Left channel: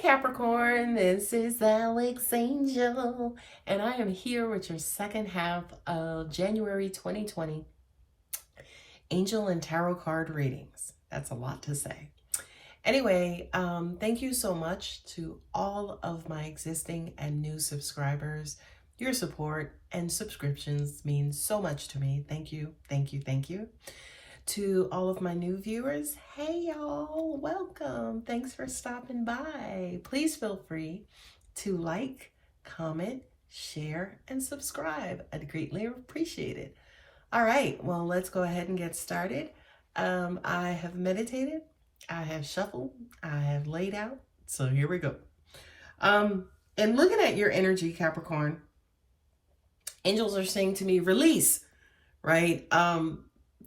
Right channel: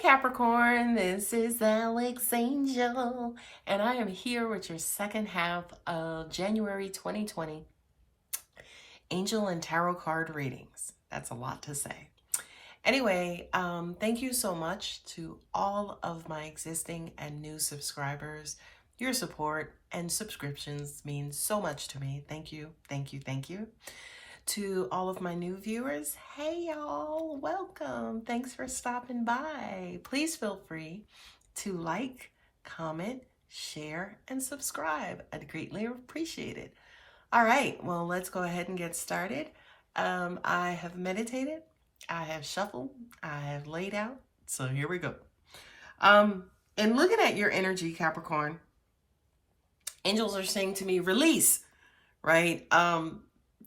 Capricorn, this is Archangel, and I am here with your second half of January 2020 Angel and Tarot card readings. That's a lot to say. Anyway, thank you so much to all of my existing and new subscribers. Your support and subscriptions mean so much to me. Thank you, thank you, thank you. To all of my new viewers, hey y'all, welcome. Thanks for stopping by. Please feel free to like, comment, share, and subscribe. I'd greatly appreciate it. All right, well, let's go ahead and get started. I have meditated, I have shuffled, I have laid out, so here we go. And looking at your energy, Capricorn, angels are saying to me, release, right?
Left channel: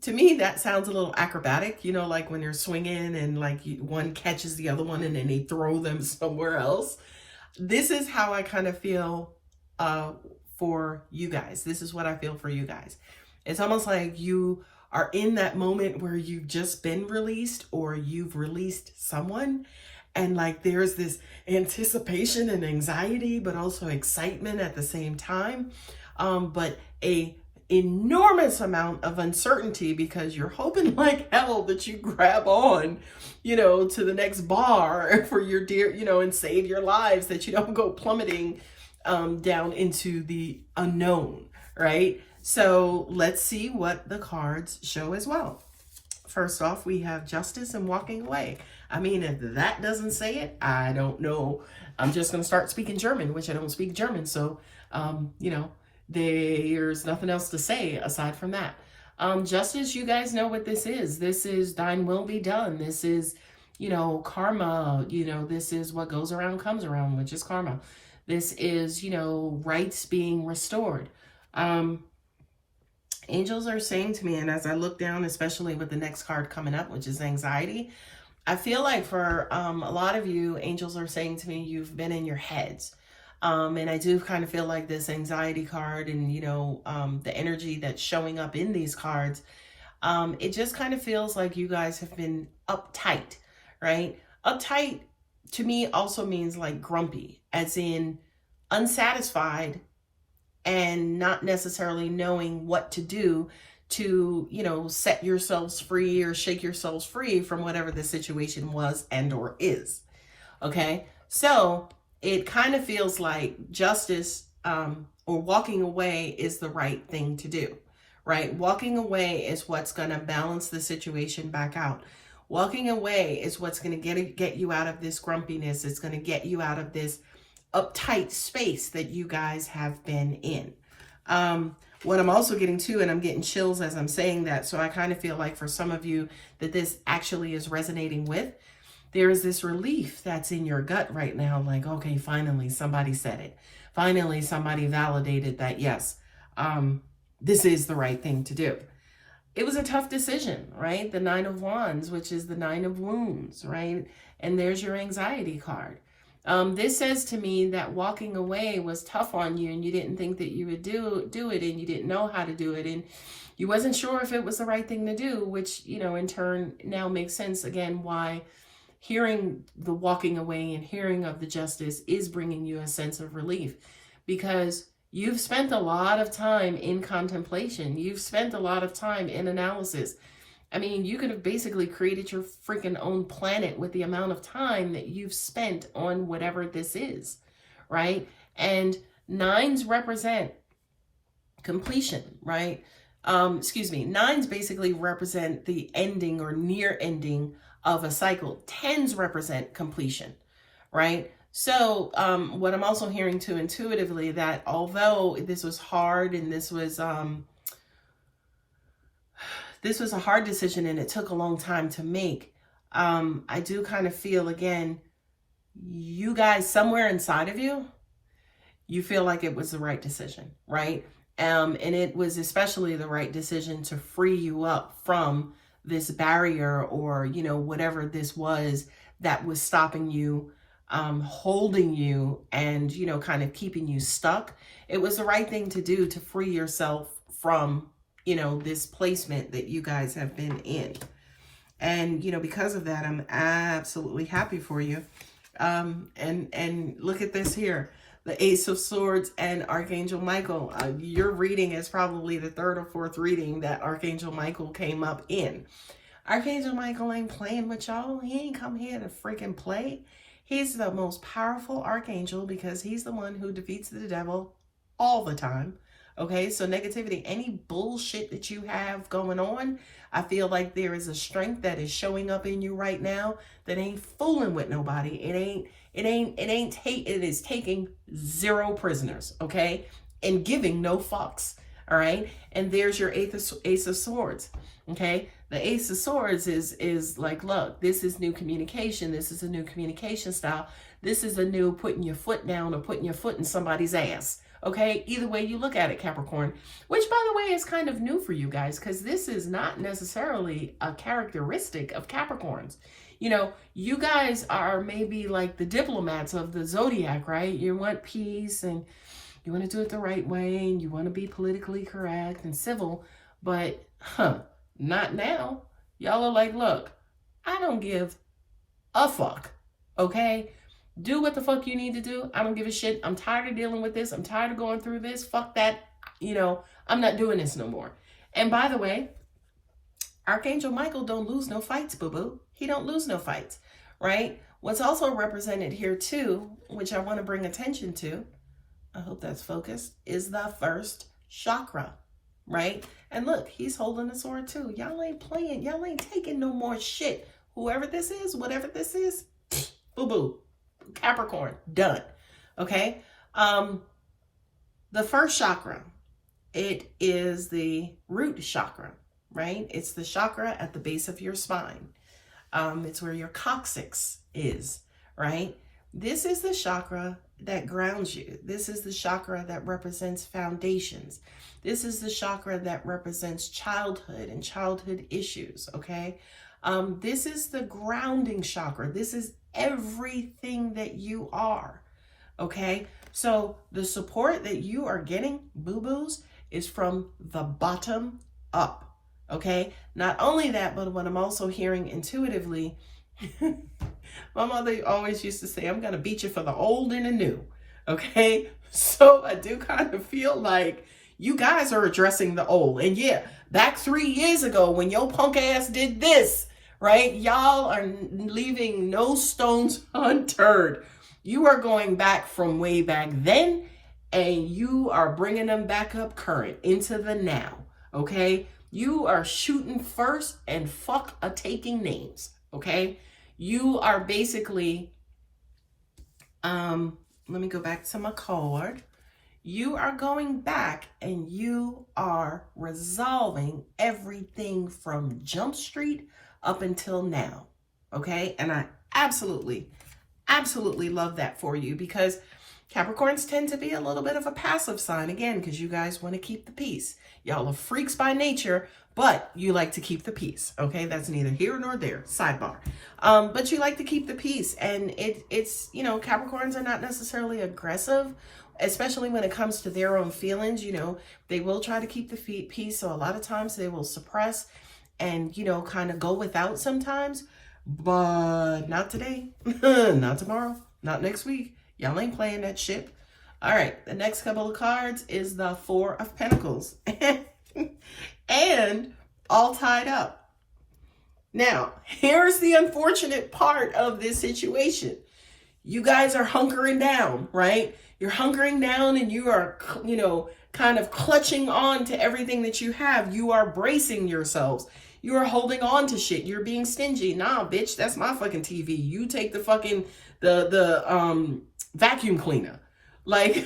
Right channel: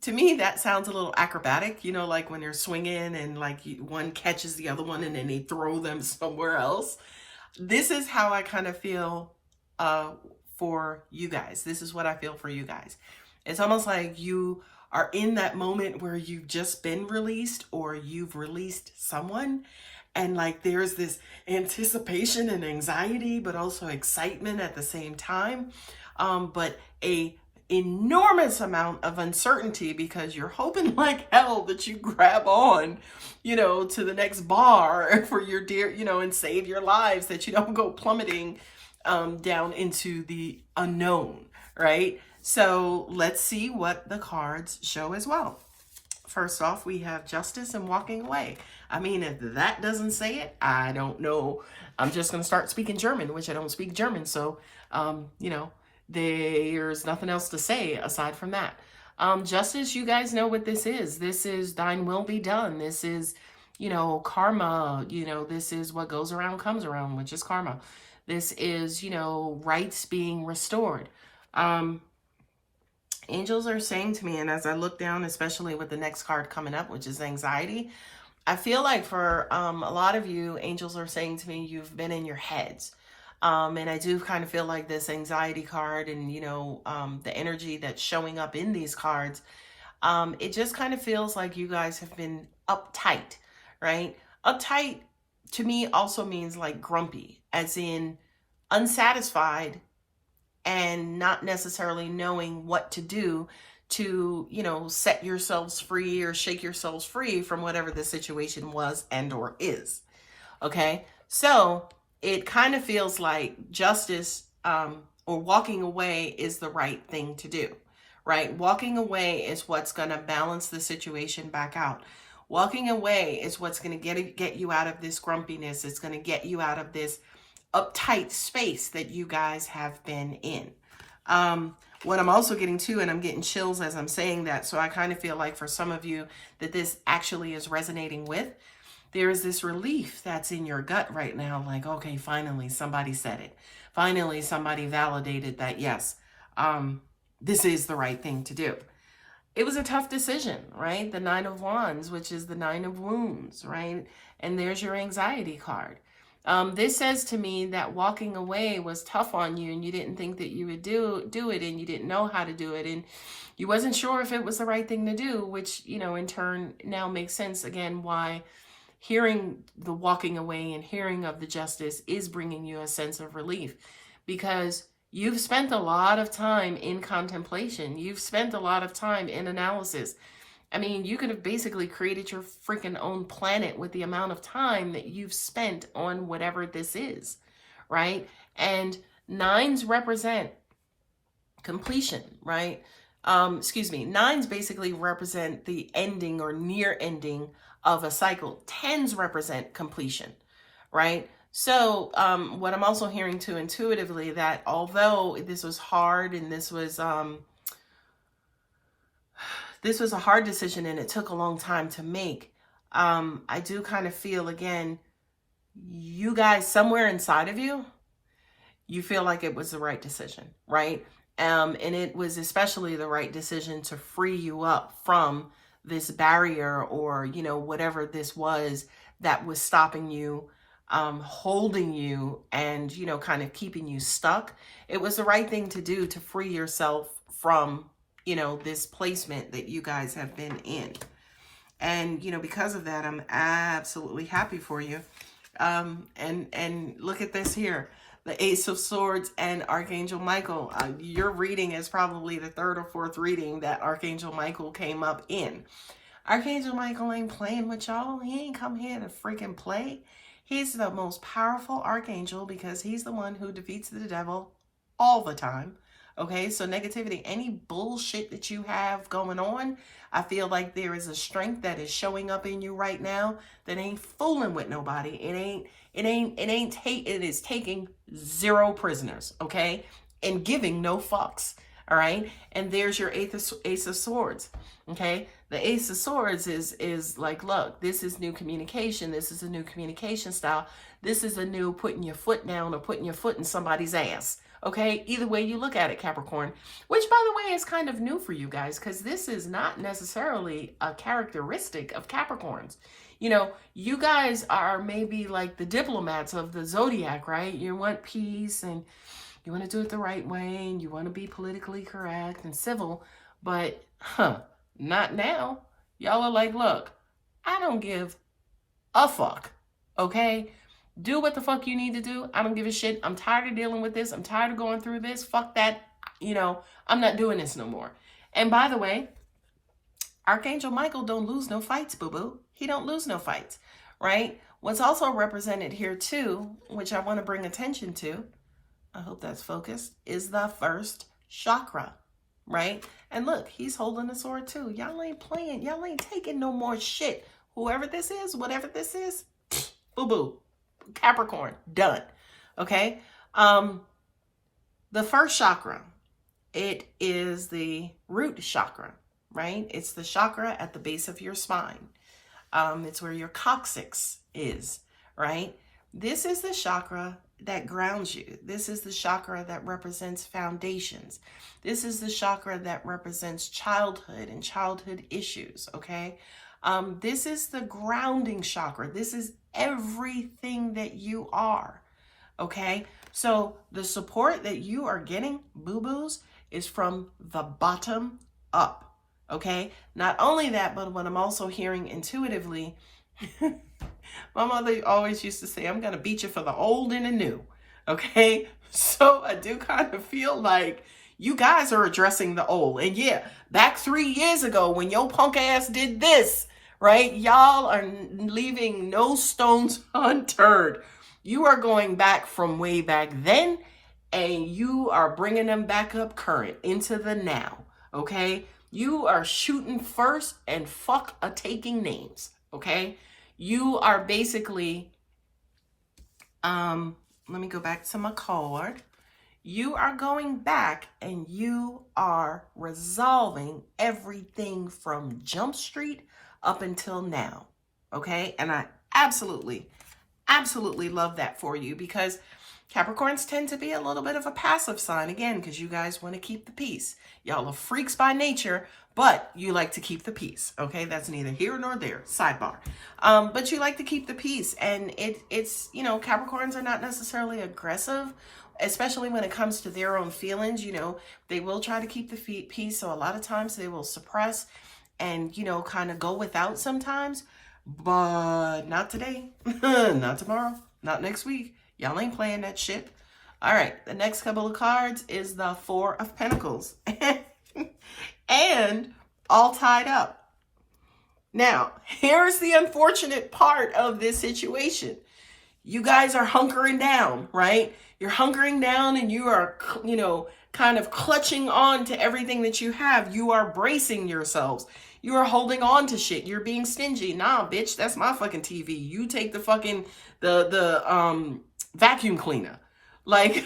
To me, that sounds a little acrobatic, you know, like when you're swinging and like one catches the other one and then they throw them somewhere else. This is how I kind of feel for you guys. This is what I feel for you guys. It's almost like you are in that moment where you've just been released or you've released someone. And like there's this anticipation and anxiety, but also excitement at the same time. But a enormous amount of uncertainty because you're hoping like hell that you grab on, you know, to the next bar for your dear, you know, and save your lives, that you don't go plummeting down into the unknown, right? So let's see what the cards show as well. First off, we have justice and walking away. I mean, if that doesn't say it, I don't know. I'm just going to start speaking German, which I don't speak German. So, you know, there's nothing else to say aside from that. Justice, you guys know what this is. This is thine will be done. This is, you know, karma. You know, this is what goes around comes around, which is karma. This is, you know, rights being restored. Angels are saying to me, and as I look down, especially with the next card coming up, which is anxiety, I feel like for a lot of you, angels are saying to me, you've been in your heads. And I do kind of feel like this anxiety card and, you know, the energy that's showing up in these cards, it just kind of feels like you guys have been uptight, right? Uptight to me also means like grumpy, as in unsatisfied and not necessarily knowing what to do to, you know, set yourselves free or shake yourselves free from whatever the situation was and or is. Okay, so it kind of feels like justice or walking away is the right thing to do, right? Walking away is what's going to balance the situation back out. Walking away is what's going to get you out of this grumpiness. It's going to get you out of this uptight space that you guys have been in. What I'm also getting to, and I'm getting chills as I'm saying that, so I kind of feel like for some of you that this actually is resonating with, there is this relief that's in your gut right now, like, okay, finally somebody said it. Finally, somebody validated that, yes, this is the right thing to do. It was a tough decision, right? The Nine of Wands, which is the Nine of Wounds, right? And there's your anxiety card. This says to me that walking away was tough on you and you didn't think that you would do it and you didn't know how to do it and you wasn't sure if it was the right thing to do, which, you know, in turn now makes sense again why hearing the walking away and hearing of the justice is bringing you a sense of relief, because you've spent a lot of time in contemplation. You've spent a lot of time in analysis. I mean, you could have basically created your freaking own planet with the amount of time that you've spent on whatever this is, right? And nines represent completion, right? Nines basically represent the ending or near ending of a cycle. Tens represent completion, right? So what I'm also hearing too intuitively, that although this was hard and this was a hard decision and it took a long time to make, I do kind of feel, again, you guys somewhere inside of you, you feel like it was the right decision, right? And it was especially the right decision to free you up from this barrier or, you know, whatever this was that was stopping you, holding you and, you know, kind of keeping you stuck. It was the right thing to do to free yourself from, you know, this placement that you guys have been in. And, you know, because of that, I'm absolutely happy for you. And look at this here. The Ace of Swords and Archangel Michael. Your reading is probably the third or fourth reading that Archangel Michael came up in. Archangel Michael ain't playing with y'all. He ain't come here to freaking play. He's the most powerful archangel because he's the one who defeats the devil all the time. Okay, so negativity, any bullshit that you have going on, I feel like there is a strength that is showing up in you right now that ain't fooling with nobody. It is taking 0 prisoners, okay? And giving no fucks, all right? And there's your Ace of Swords, okay? The Ace of Swords is like, look, this is new communication. This is a new communication style. This is a new putting your foot down or putting your foot in somebody's ass. Okay, either way you look at it, Capricorn, which by the way is kind of new for you guys because this is not necessarily a characteristic of Capricorns. You know, you guys are maybe like the diplomats of the zodiac, right? You want peace and you want to do it the right way and you want to be politically correct and civil, but not now. Y'all are like, look, I don't give a fuck, okay? Do what the fuck you need to do. I don't give a shit. I'm tired of dealing with this. I'm tired of going through this. Fuck that. You know, I'm not doing this no more. And by the way, Archangel Michael don't lose no fights, boo-boo. He don't lose no fights, right? What's also represented here too, which I want to bring attention to, I hope that's focused, is the first chakra, right? And look, he's holding a sword too. Y'all ain't playing. Y'all ain't taking no more shit. Whoever this is, whatever this is, boo-boo. Capricorn, done. Okay. The first chakra, it is the root chakra, right? It's the chakra at the base of your spine. It's where your coccyx is, right? This is the chakra that grounds you. This is the chakra that represents foundations. This is the chakra that represents childhood and childhood issues, okay? This is the grounding chakra. This is everything that you are, okay? So the support that you are getting, boo-boos, is from the bottom up, okay? Not only that, but what I'm also hearing intuitively, my mother always used to say, I'm going to beat you for the old and the new, okay? So I do kind of feel like you guys are addressing the old. And yeah, back 3 years ago when your punk ass did this, right? Y'all are leaving no stones unturned. You are going back from way back then and you are bringing them back up current into the now, okay? You are shooting first and fuck a taking names, okay? You are basically, let me go back to my card. You are going back and you are resolving everything from Jump Street up until now, okay? And I absolutely love that for you because Capricorns tend to be a little bit of a passive sign, again, because you guys want to keep the peace. Y'all are freaks by nature, but you like to keep the peace, okay? That's neither here nor there, sidebar. But you like to keep the peace, and it's, you know, Capricorns are not necessarily aggressive, especially when it comes to their own feelings. You know, they will try to keep the peace, so a lot of times they will suppress and, you know, kind of go without sometimes, but not today, not tomorrow, not next week. Y'all ain't playing that shit. All right, the next couple of cards is the Four of Pentacles and all tied up. Now, here's the unfortunate part of this situation. You guys are hunkering down, right? You're hunkering down and you are, you know, kind of clutching on to everything that you have. You are bracing yourselves. You are holding on to shit. You're being stingy. Nah, bitch, that's my fucking TV. You take the fucking, the vacuum cleaner. Like,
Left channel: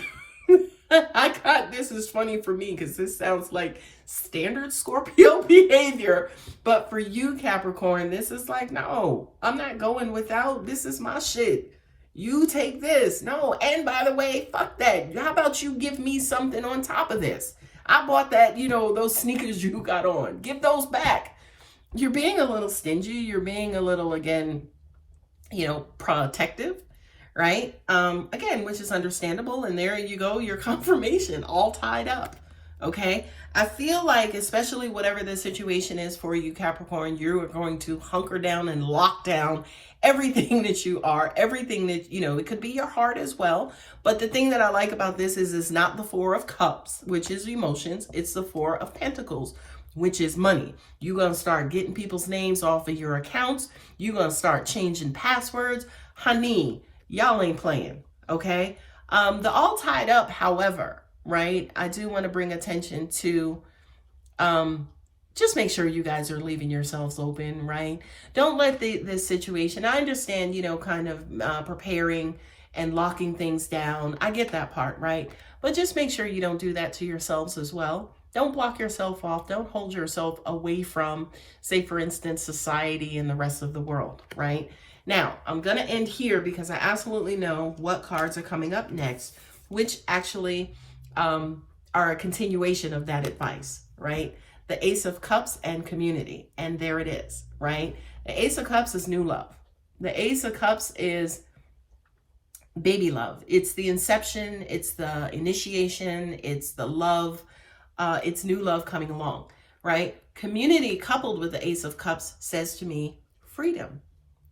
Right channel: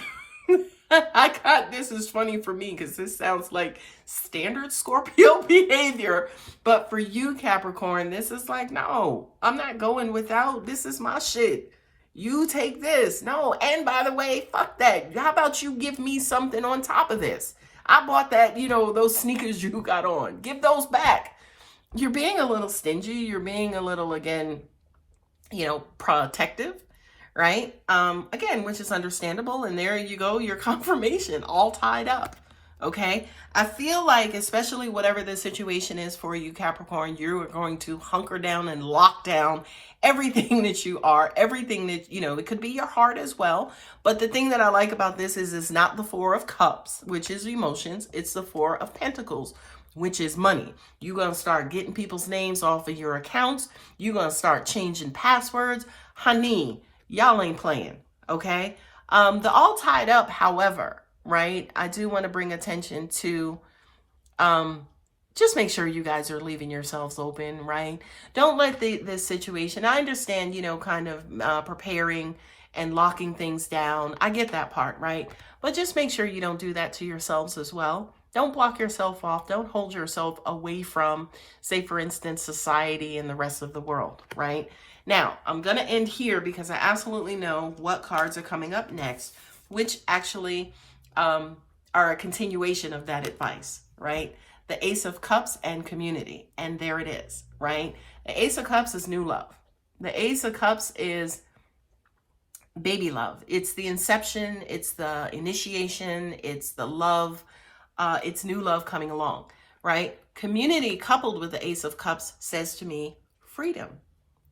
this is funny for me because this sounds like standard Scorpio behavior. But for you, Capricorn, this is like, no, I'm not going without. This is my shit. You take this. No, and by the way, fuck that. How about you give me something on top of this? I bought that, you know, those sneakers you got on. Give those back. You're being a little stingy. You're being a little, again, you know, protective, right? Again, which is understandable. And there you go, your confirmation all tied up. Okay. I feel like, especially whatever the situation is for you, Capricorn, you are going to hunker down and lock down everything that you are, everything that, you know, it could be your heart as well. But the thing that I like about this is it's not the Four of Cups, which is emotions. It's the Four of Pentacles, which is money. You're going to start getting people's names off of your accounts. You're going to start changing passwords. Honey, y'all ain't playing, okay? The all tied up, however, right? I do want to bring attention to just make sure you guys are leaving yourselves open, right? Don't let this situation, I understand, you know, kind of preparing and locking things down. I get that part, right? But just make sure you don't do that to yourselves as well. Don't block yourself off. Don't hold yourself away from, say, for instance, society and the rest of the world, right? Now, I'm going to end here because I absolutely know what cards are coming up next, which actually are a continuation of that advice, right? The Ace of Cups and community. And there it is, right? The Ace of Cups is new love. The Ace of Cups is baby love. It's the inception. It's the initiation. It's the love. It's new love coming along, right? Community coupled with the Ace of Cups says to me, freedom.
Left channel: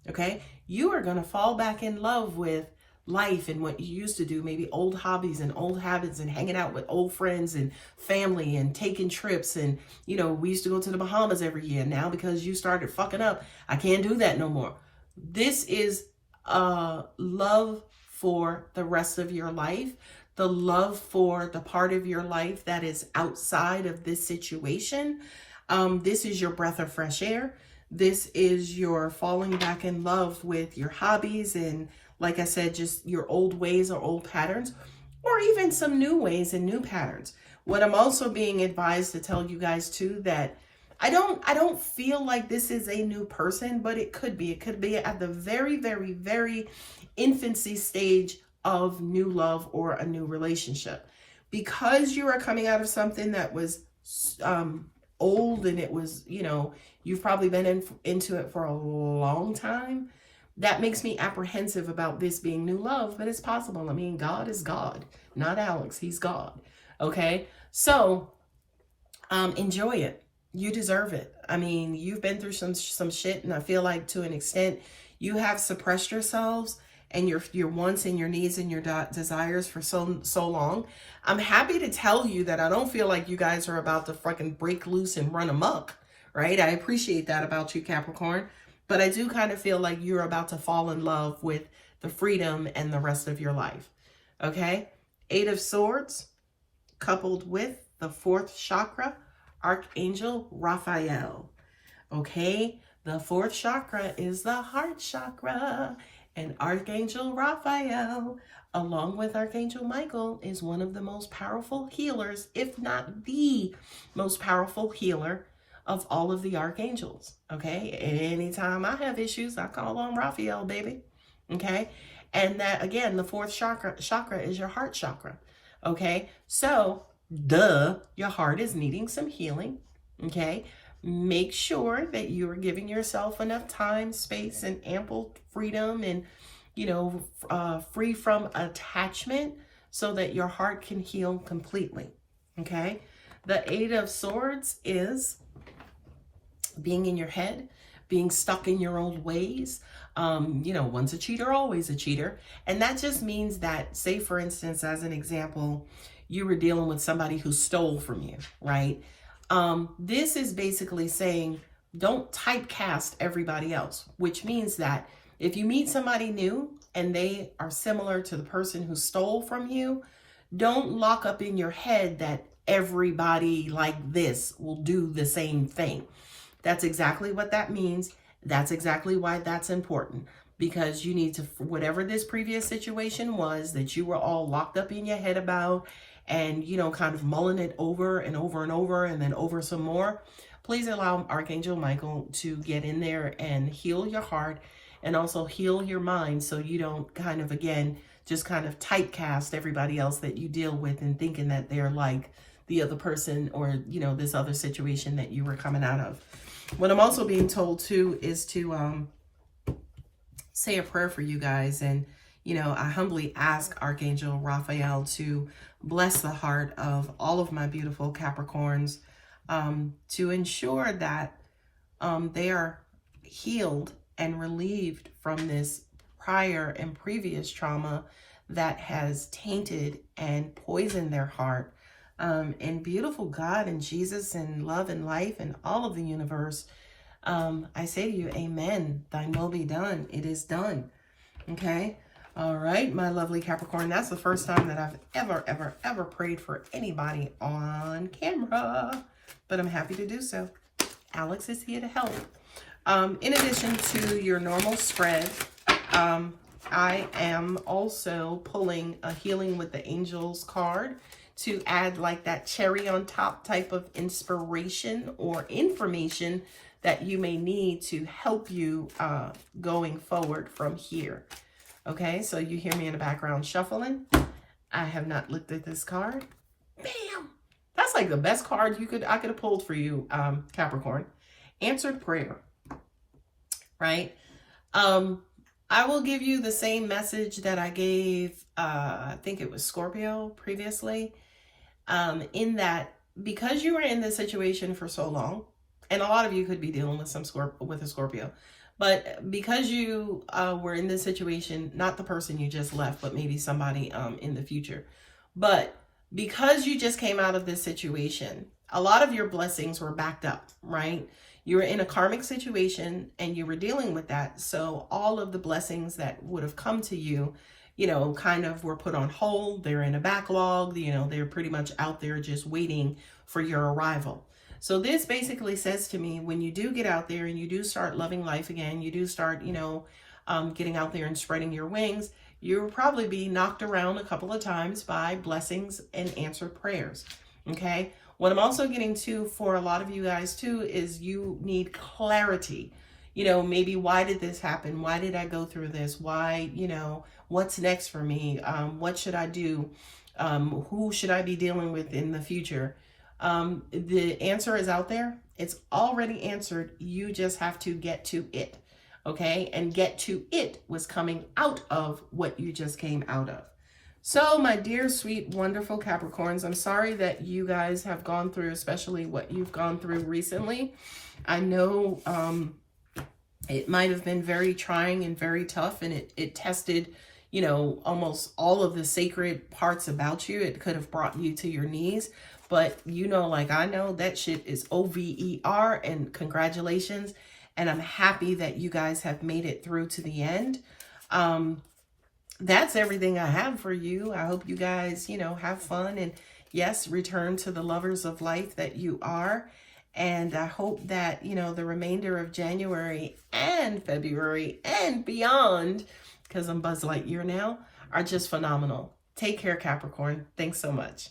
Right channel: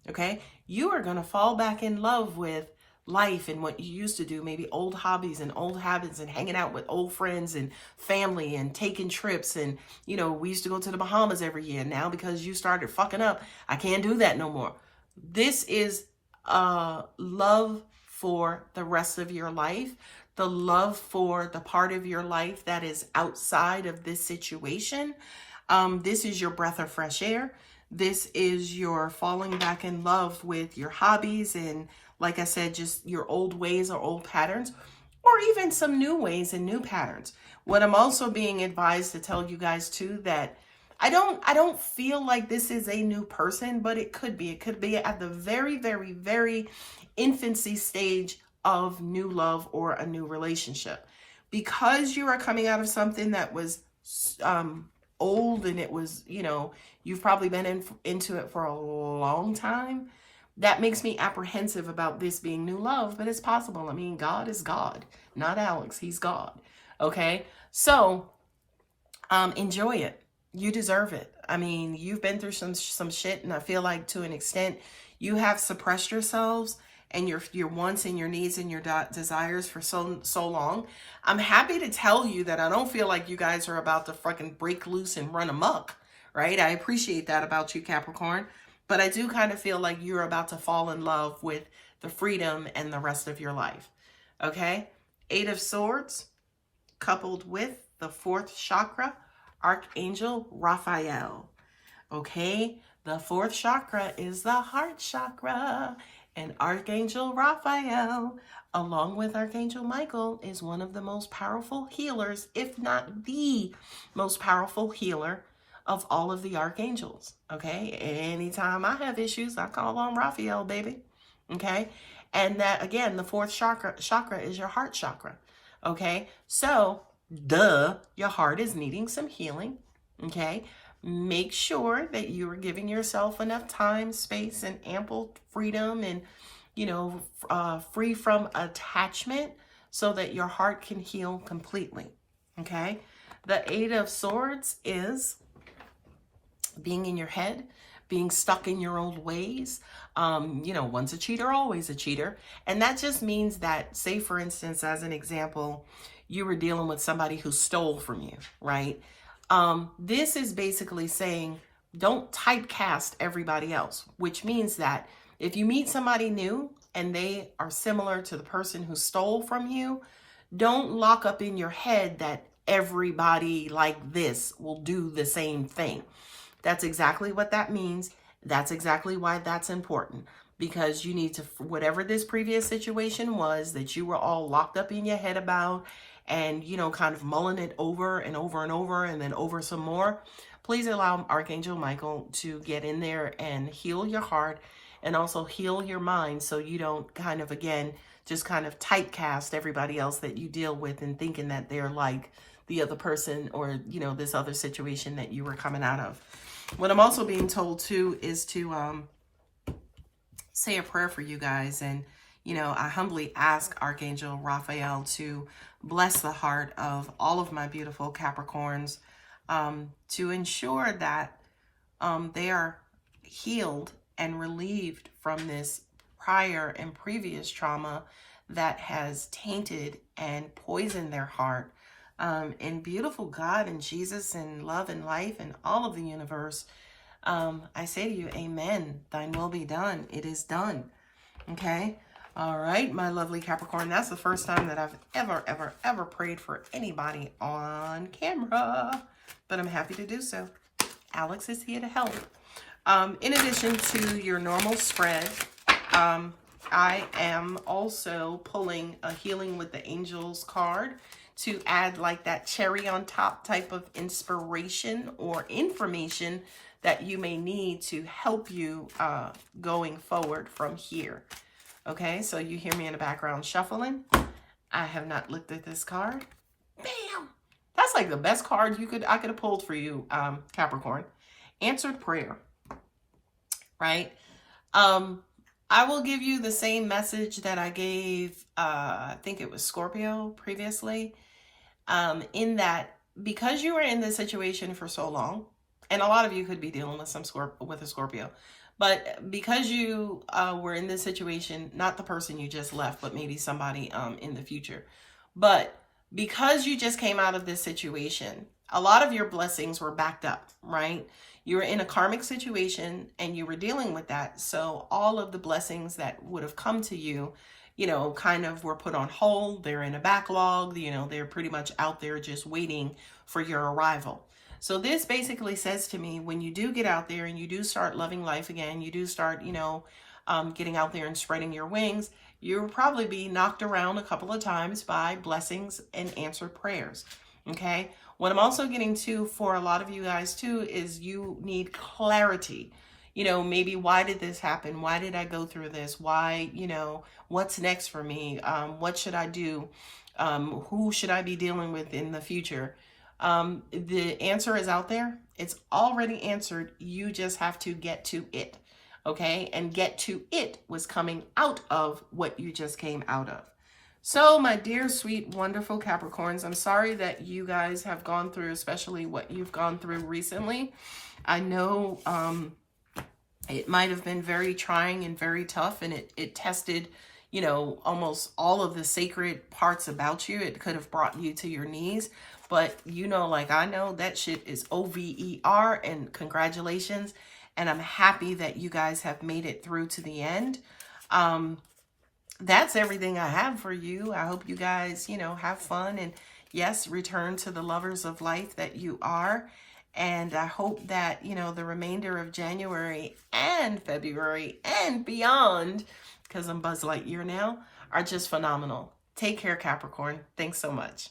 Okay, you are going to fall back in love with life and what you used to do, maybe old hobbies and old habits and hanging out with old friends and family and taking trips. And, you know, we used to go to the Bahamas every year. Now, because you started fucking up, I can't do that no more. This is love for the rest of your life, the love for the part of your life that is outside of this situation. This is your breath of fresh air. This is your falling back in love with your hobbies and, like I said, just your old ways or old patterns, or even some new ways and new patterns. What I'm also being advised to tell you guys too, that I don't feel like this is a new person, but it could be. It could be at the very, very, very infancy stage of new love or a new relationship. Because you are coming out of something that was old and it was, you know, you've probably been into it for a long time. That makes me apprehensive about this being new love, but it's possible. I mean, God is God, not Alex. He's God. Okay. So, enjoy it. You deserve it. I mean, you've been through some shit, and I feel like to an extent you have suppressed yourselves and your wants and your needs and your desires for so long. I'm happy to tell you that I don't feel like you guys are about to fucking break loose and run amok, right? I appreciate that about you, Capricorn. But I do kind of feel like you're about to fall in love with the freedom and the rest of your life, okay? Eight of Swords coupled with the fourth chakra, Archangel Raphael, okay? The fourth chakra is the heart chakra, and Archangel Raphael, along with Archangel Michael, is one of the most powerful healers, if not the most powerful healer of all of the archangels, okay? Anytime I have issues, I call on Raphael, baby, okay? And that, again, the fourth chakra is your heart chakra, okay? So, your heart is needing some healing, okay? Make sure that you are giving yourself enough time, space, and ample freedom and, you know, free from attachment so that your heart can heal completely, okay? The Eight of Swords is being in your head, being stuck in your old ways. You know, once a cheater, always a cheater. And that just means that, say, for instance, as an example, you were dealing with somebody who stole from you, right? This is basically saying, don't typecast everybody else, which means that if you meet somebody new and they are similar to the person who stole from you, don't lock up in your head that everybody like this will do the same thing. That's exactly what that means. That's exactly why that's important, because you need to, whatever this previous situation was that you were all locked up in your head about and, you know, kind of mulling it over and over and over and then over some more, please allow Archangel Michael to get in there and heal your heart and also heal your mind so you don't kind of, again, just kind of typecast everybody else that you deal with and thinking that they're like the other person or, you know, this other situation that you were coming out of. What I'm also being told too is to say a prayer for you guys. And, you know, I humbly ask Archangel Raphael to bless the heart of all of my beautiful Capricorns, to ensure that they are healed and relieved from this prior and previous trauma that has tainted and poisoned their heart. And beautiful God and Jesus and love and life and all of the universe, I say to you, amen. Thine will be done. It is done. Okay? All right, my lovely Capricorn. That's the first time that I've ever prayed for anybody on camera. But I'm happy to do so. Alex is here to help. In addition to your normal spread, I am also pulling a Healing with the Angels card to add like that cherry on top type of inspiration or information that you may need to help you going forward from here. Okay, so you hear me in the background shuffling. I have not looked at this card. Bam! That's like the best card I could have pulled for you, Capricorn. Answered prayer, right? I will give you the same message that I gave, I think it was Scorpio previously, in that because you were in this situation for so long, and a lot of you could be dealing with a Scorpio, but because you were in this situation, not the person you just left, but maybe somebody in the future, but because you just came out of this situation, a lot of your blessings were backed up, right? You were in a karmic situation and you were dealing with that. So all of the blessings that would have come to you, you know, kind of were put on hold. They're in a backlog, you know, they're pretty much out there just waiting for your arrival. So this basically says to me, when you do get out there and you do start loving life again, you do start, you know, getting out there and spreading your wings, you'll probably be knocked around a couple of times by blessings and answered prayers. Okay. What I'm also getting to for a lot of you guys too is you need clarity. You know, maybe why did this happen? Why did I go through this? Why, you know, what's next for me? What should I do? Who should I be dealing with in the future? The answer is out there. It's already answered. You just have to get to it. Okay. And get to it was coming out of what you just came out of. So my dear, sweet, wonderful Capricorns, I'm sorry that you guys have gone through, especially what you've gone through recently. I know it might have been very trying and very tough, and it tested, you know, almost all of the sacred parts about you. It could have brought you to your knees. But, you know, like I know that shit is over, and congratulations. And I'm happy that you guys have made it through to the end. That's everything I have for you. I hope you guys, you know, have fun and yes, return to the lovers of life that you are. And I hope that, you know, the remainder of January and February and beyond, because I'm Buzz Lightyear now, are just phenomenal. Take care, Capricorn. Thanks so much.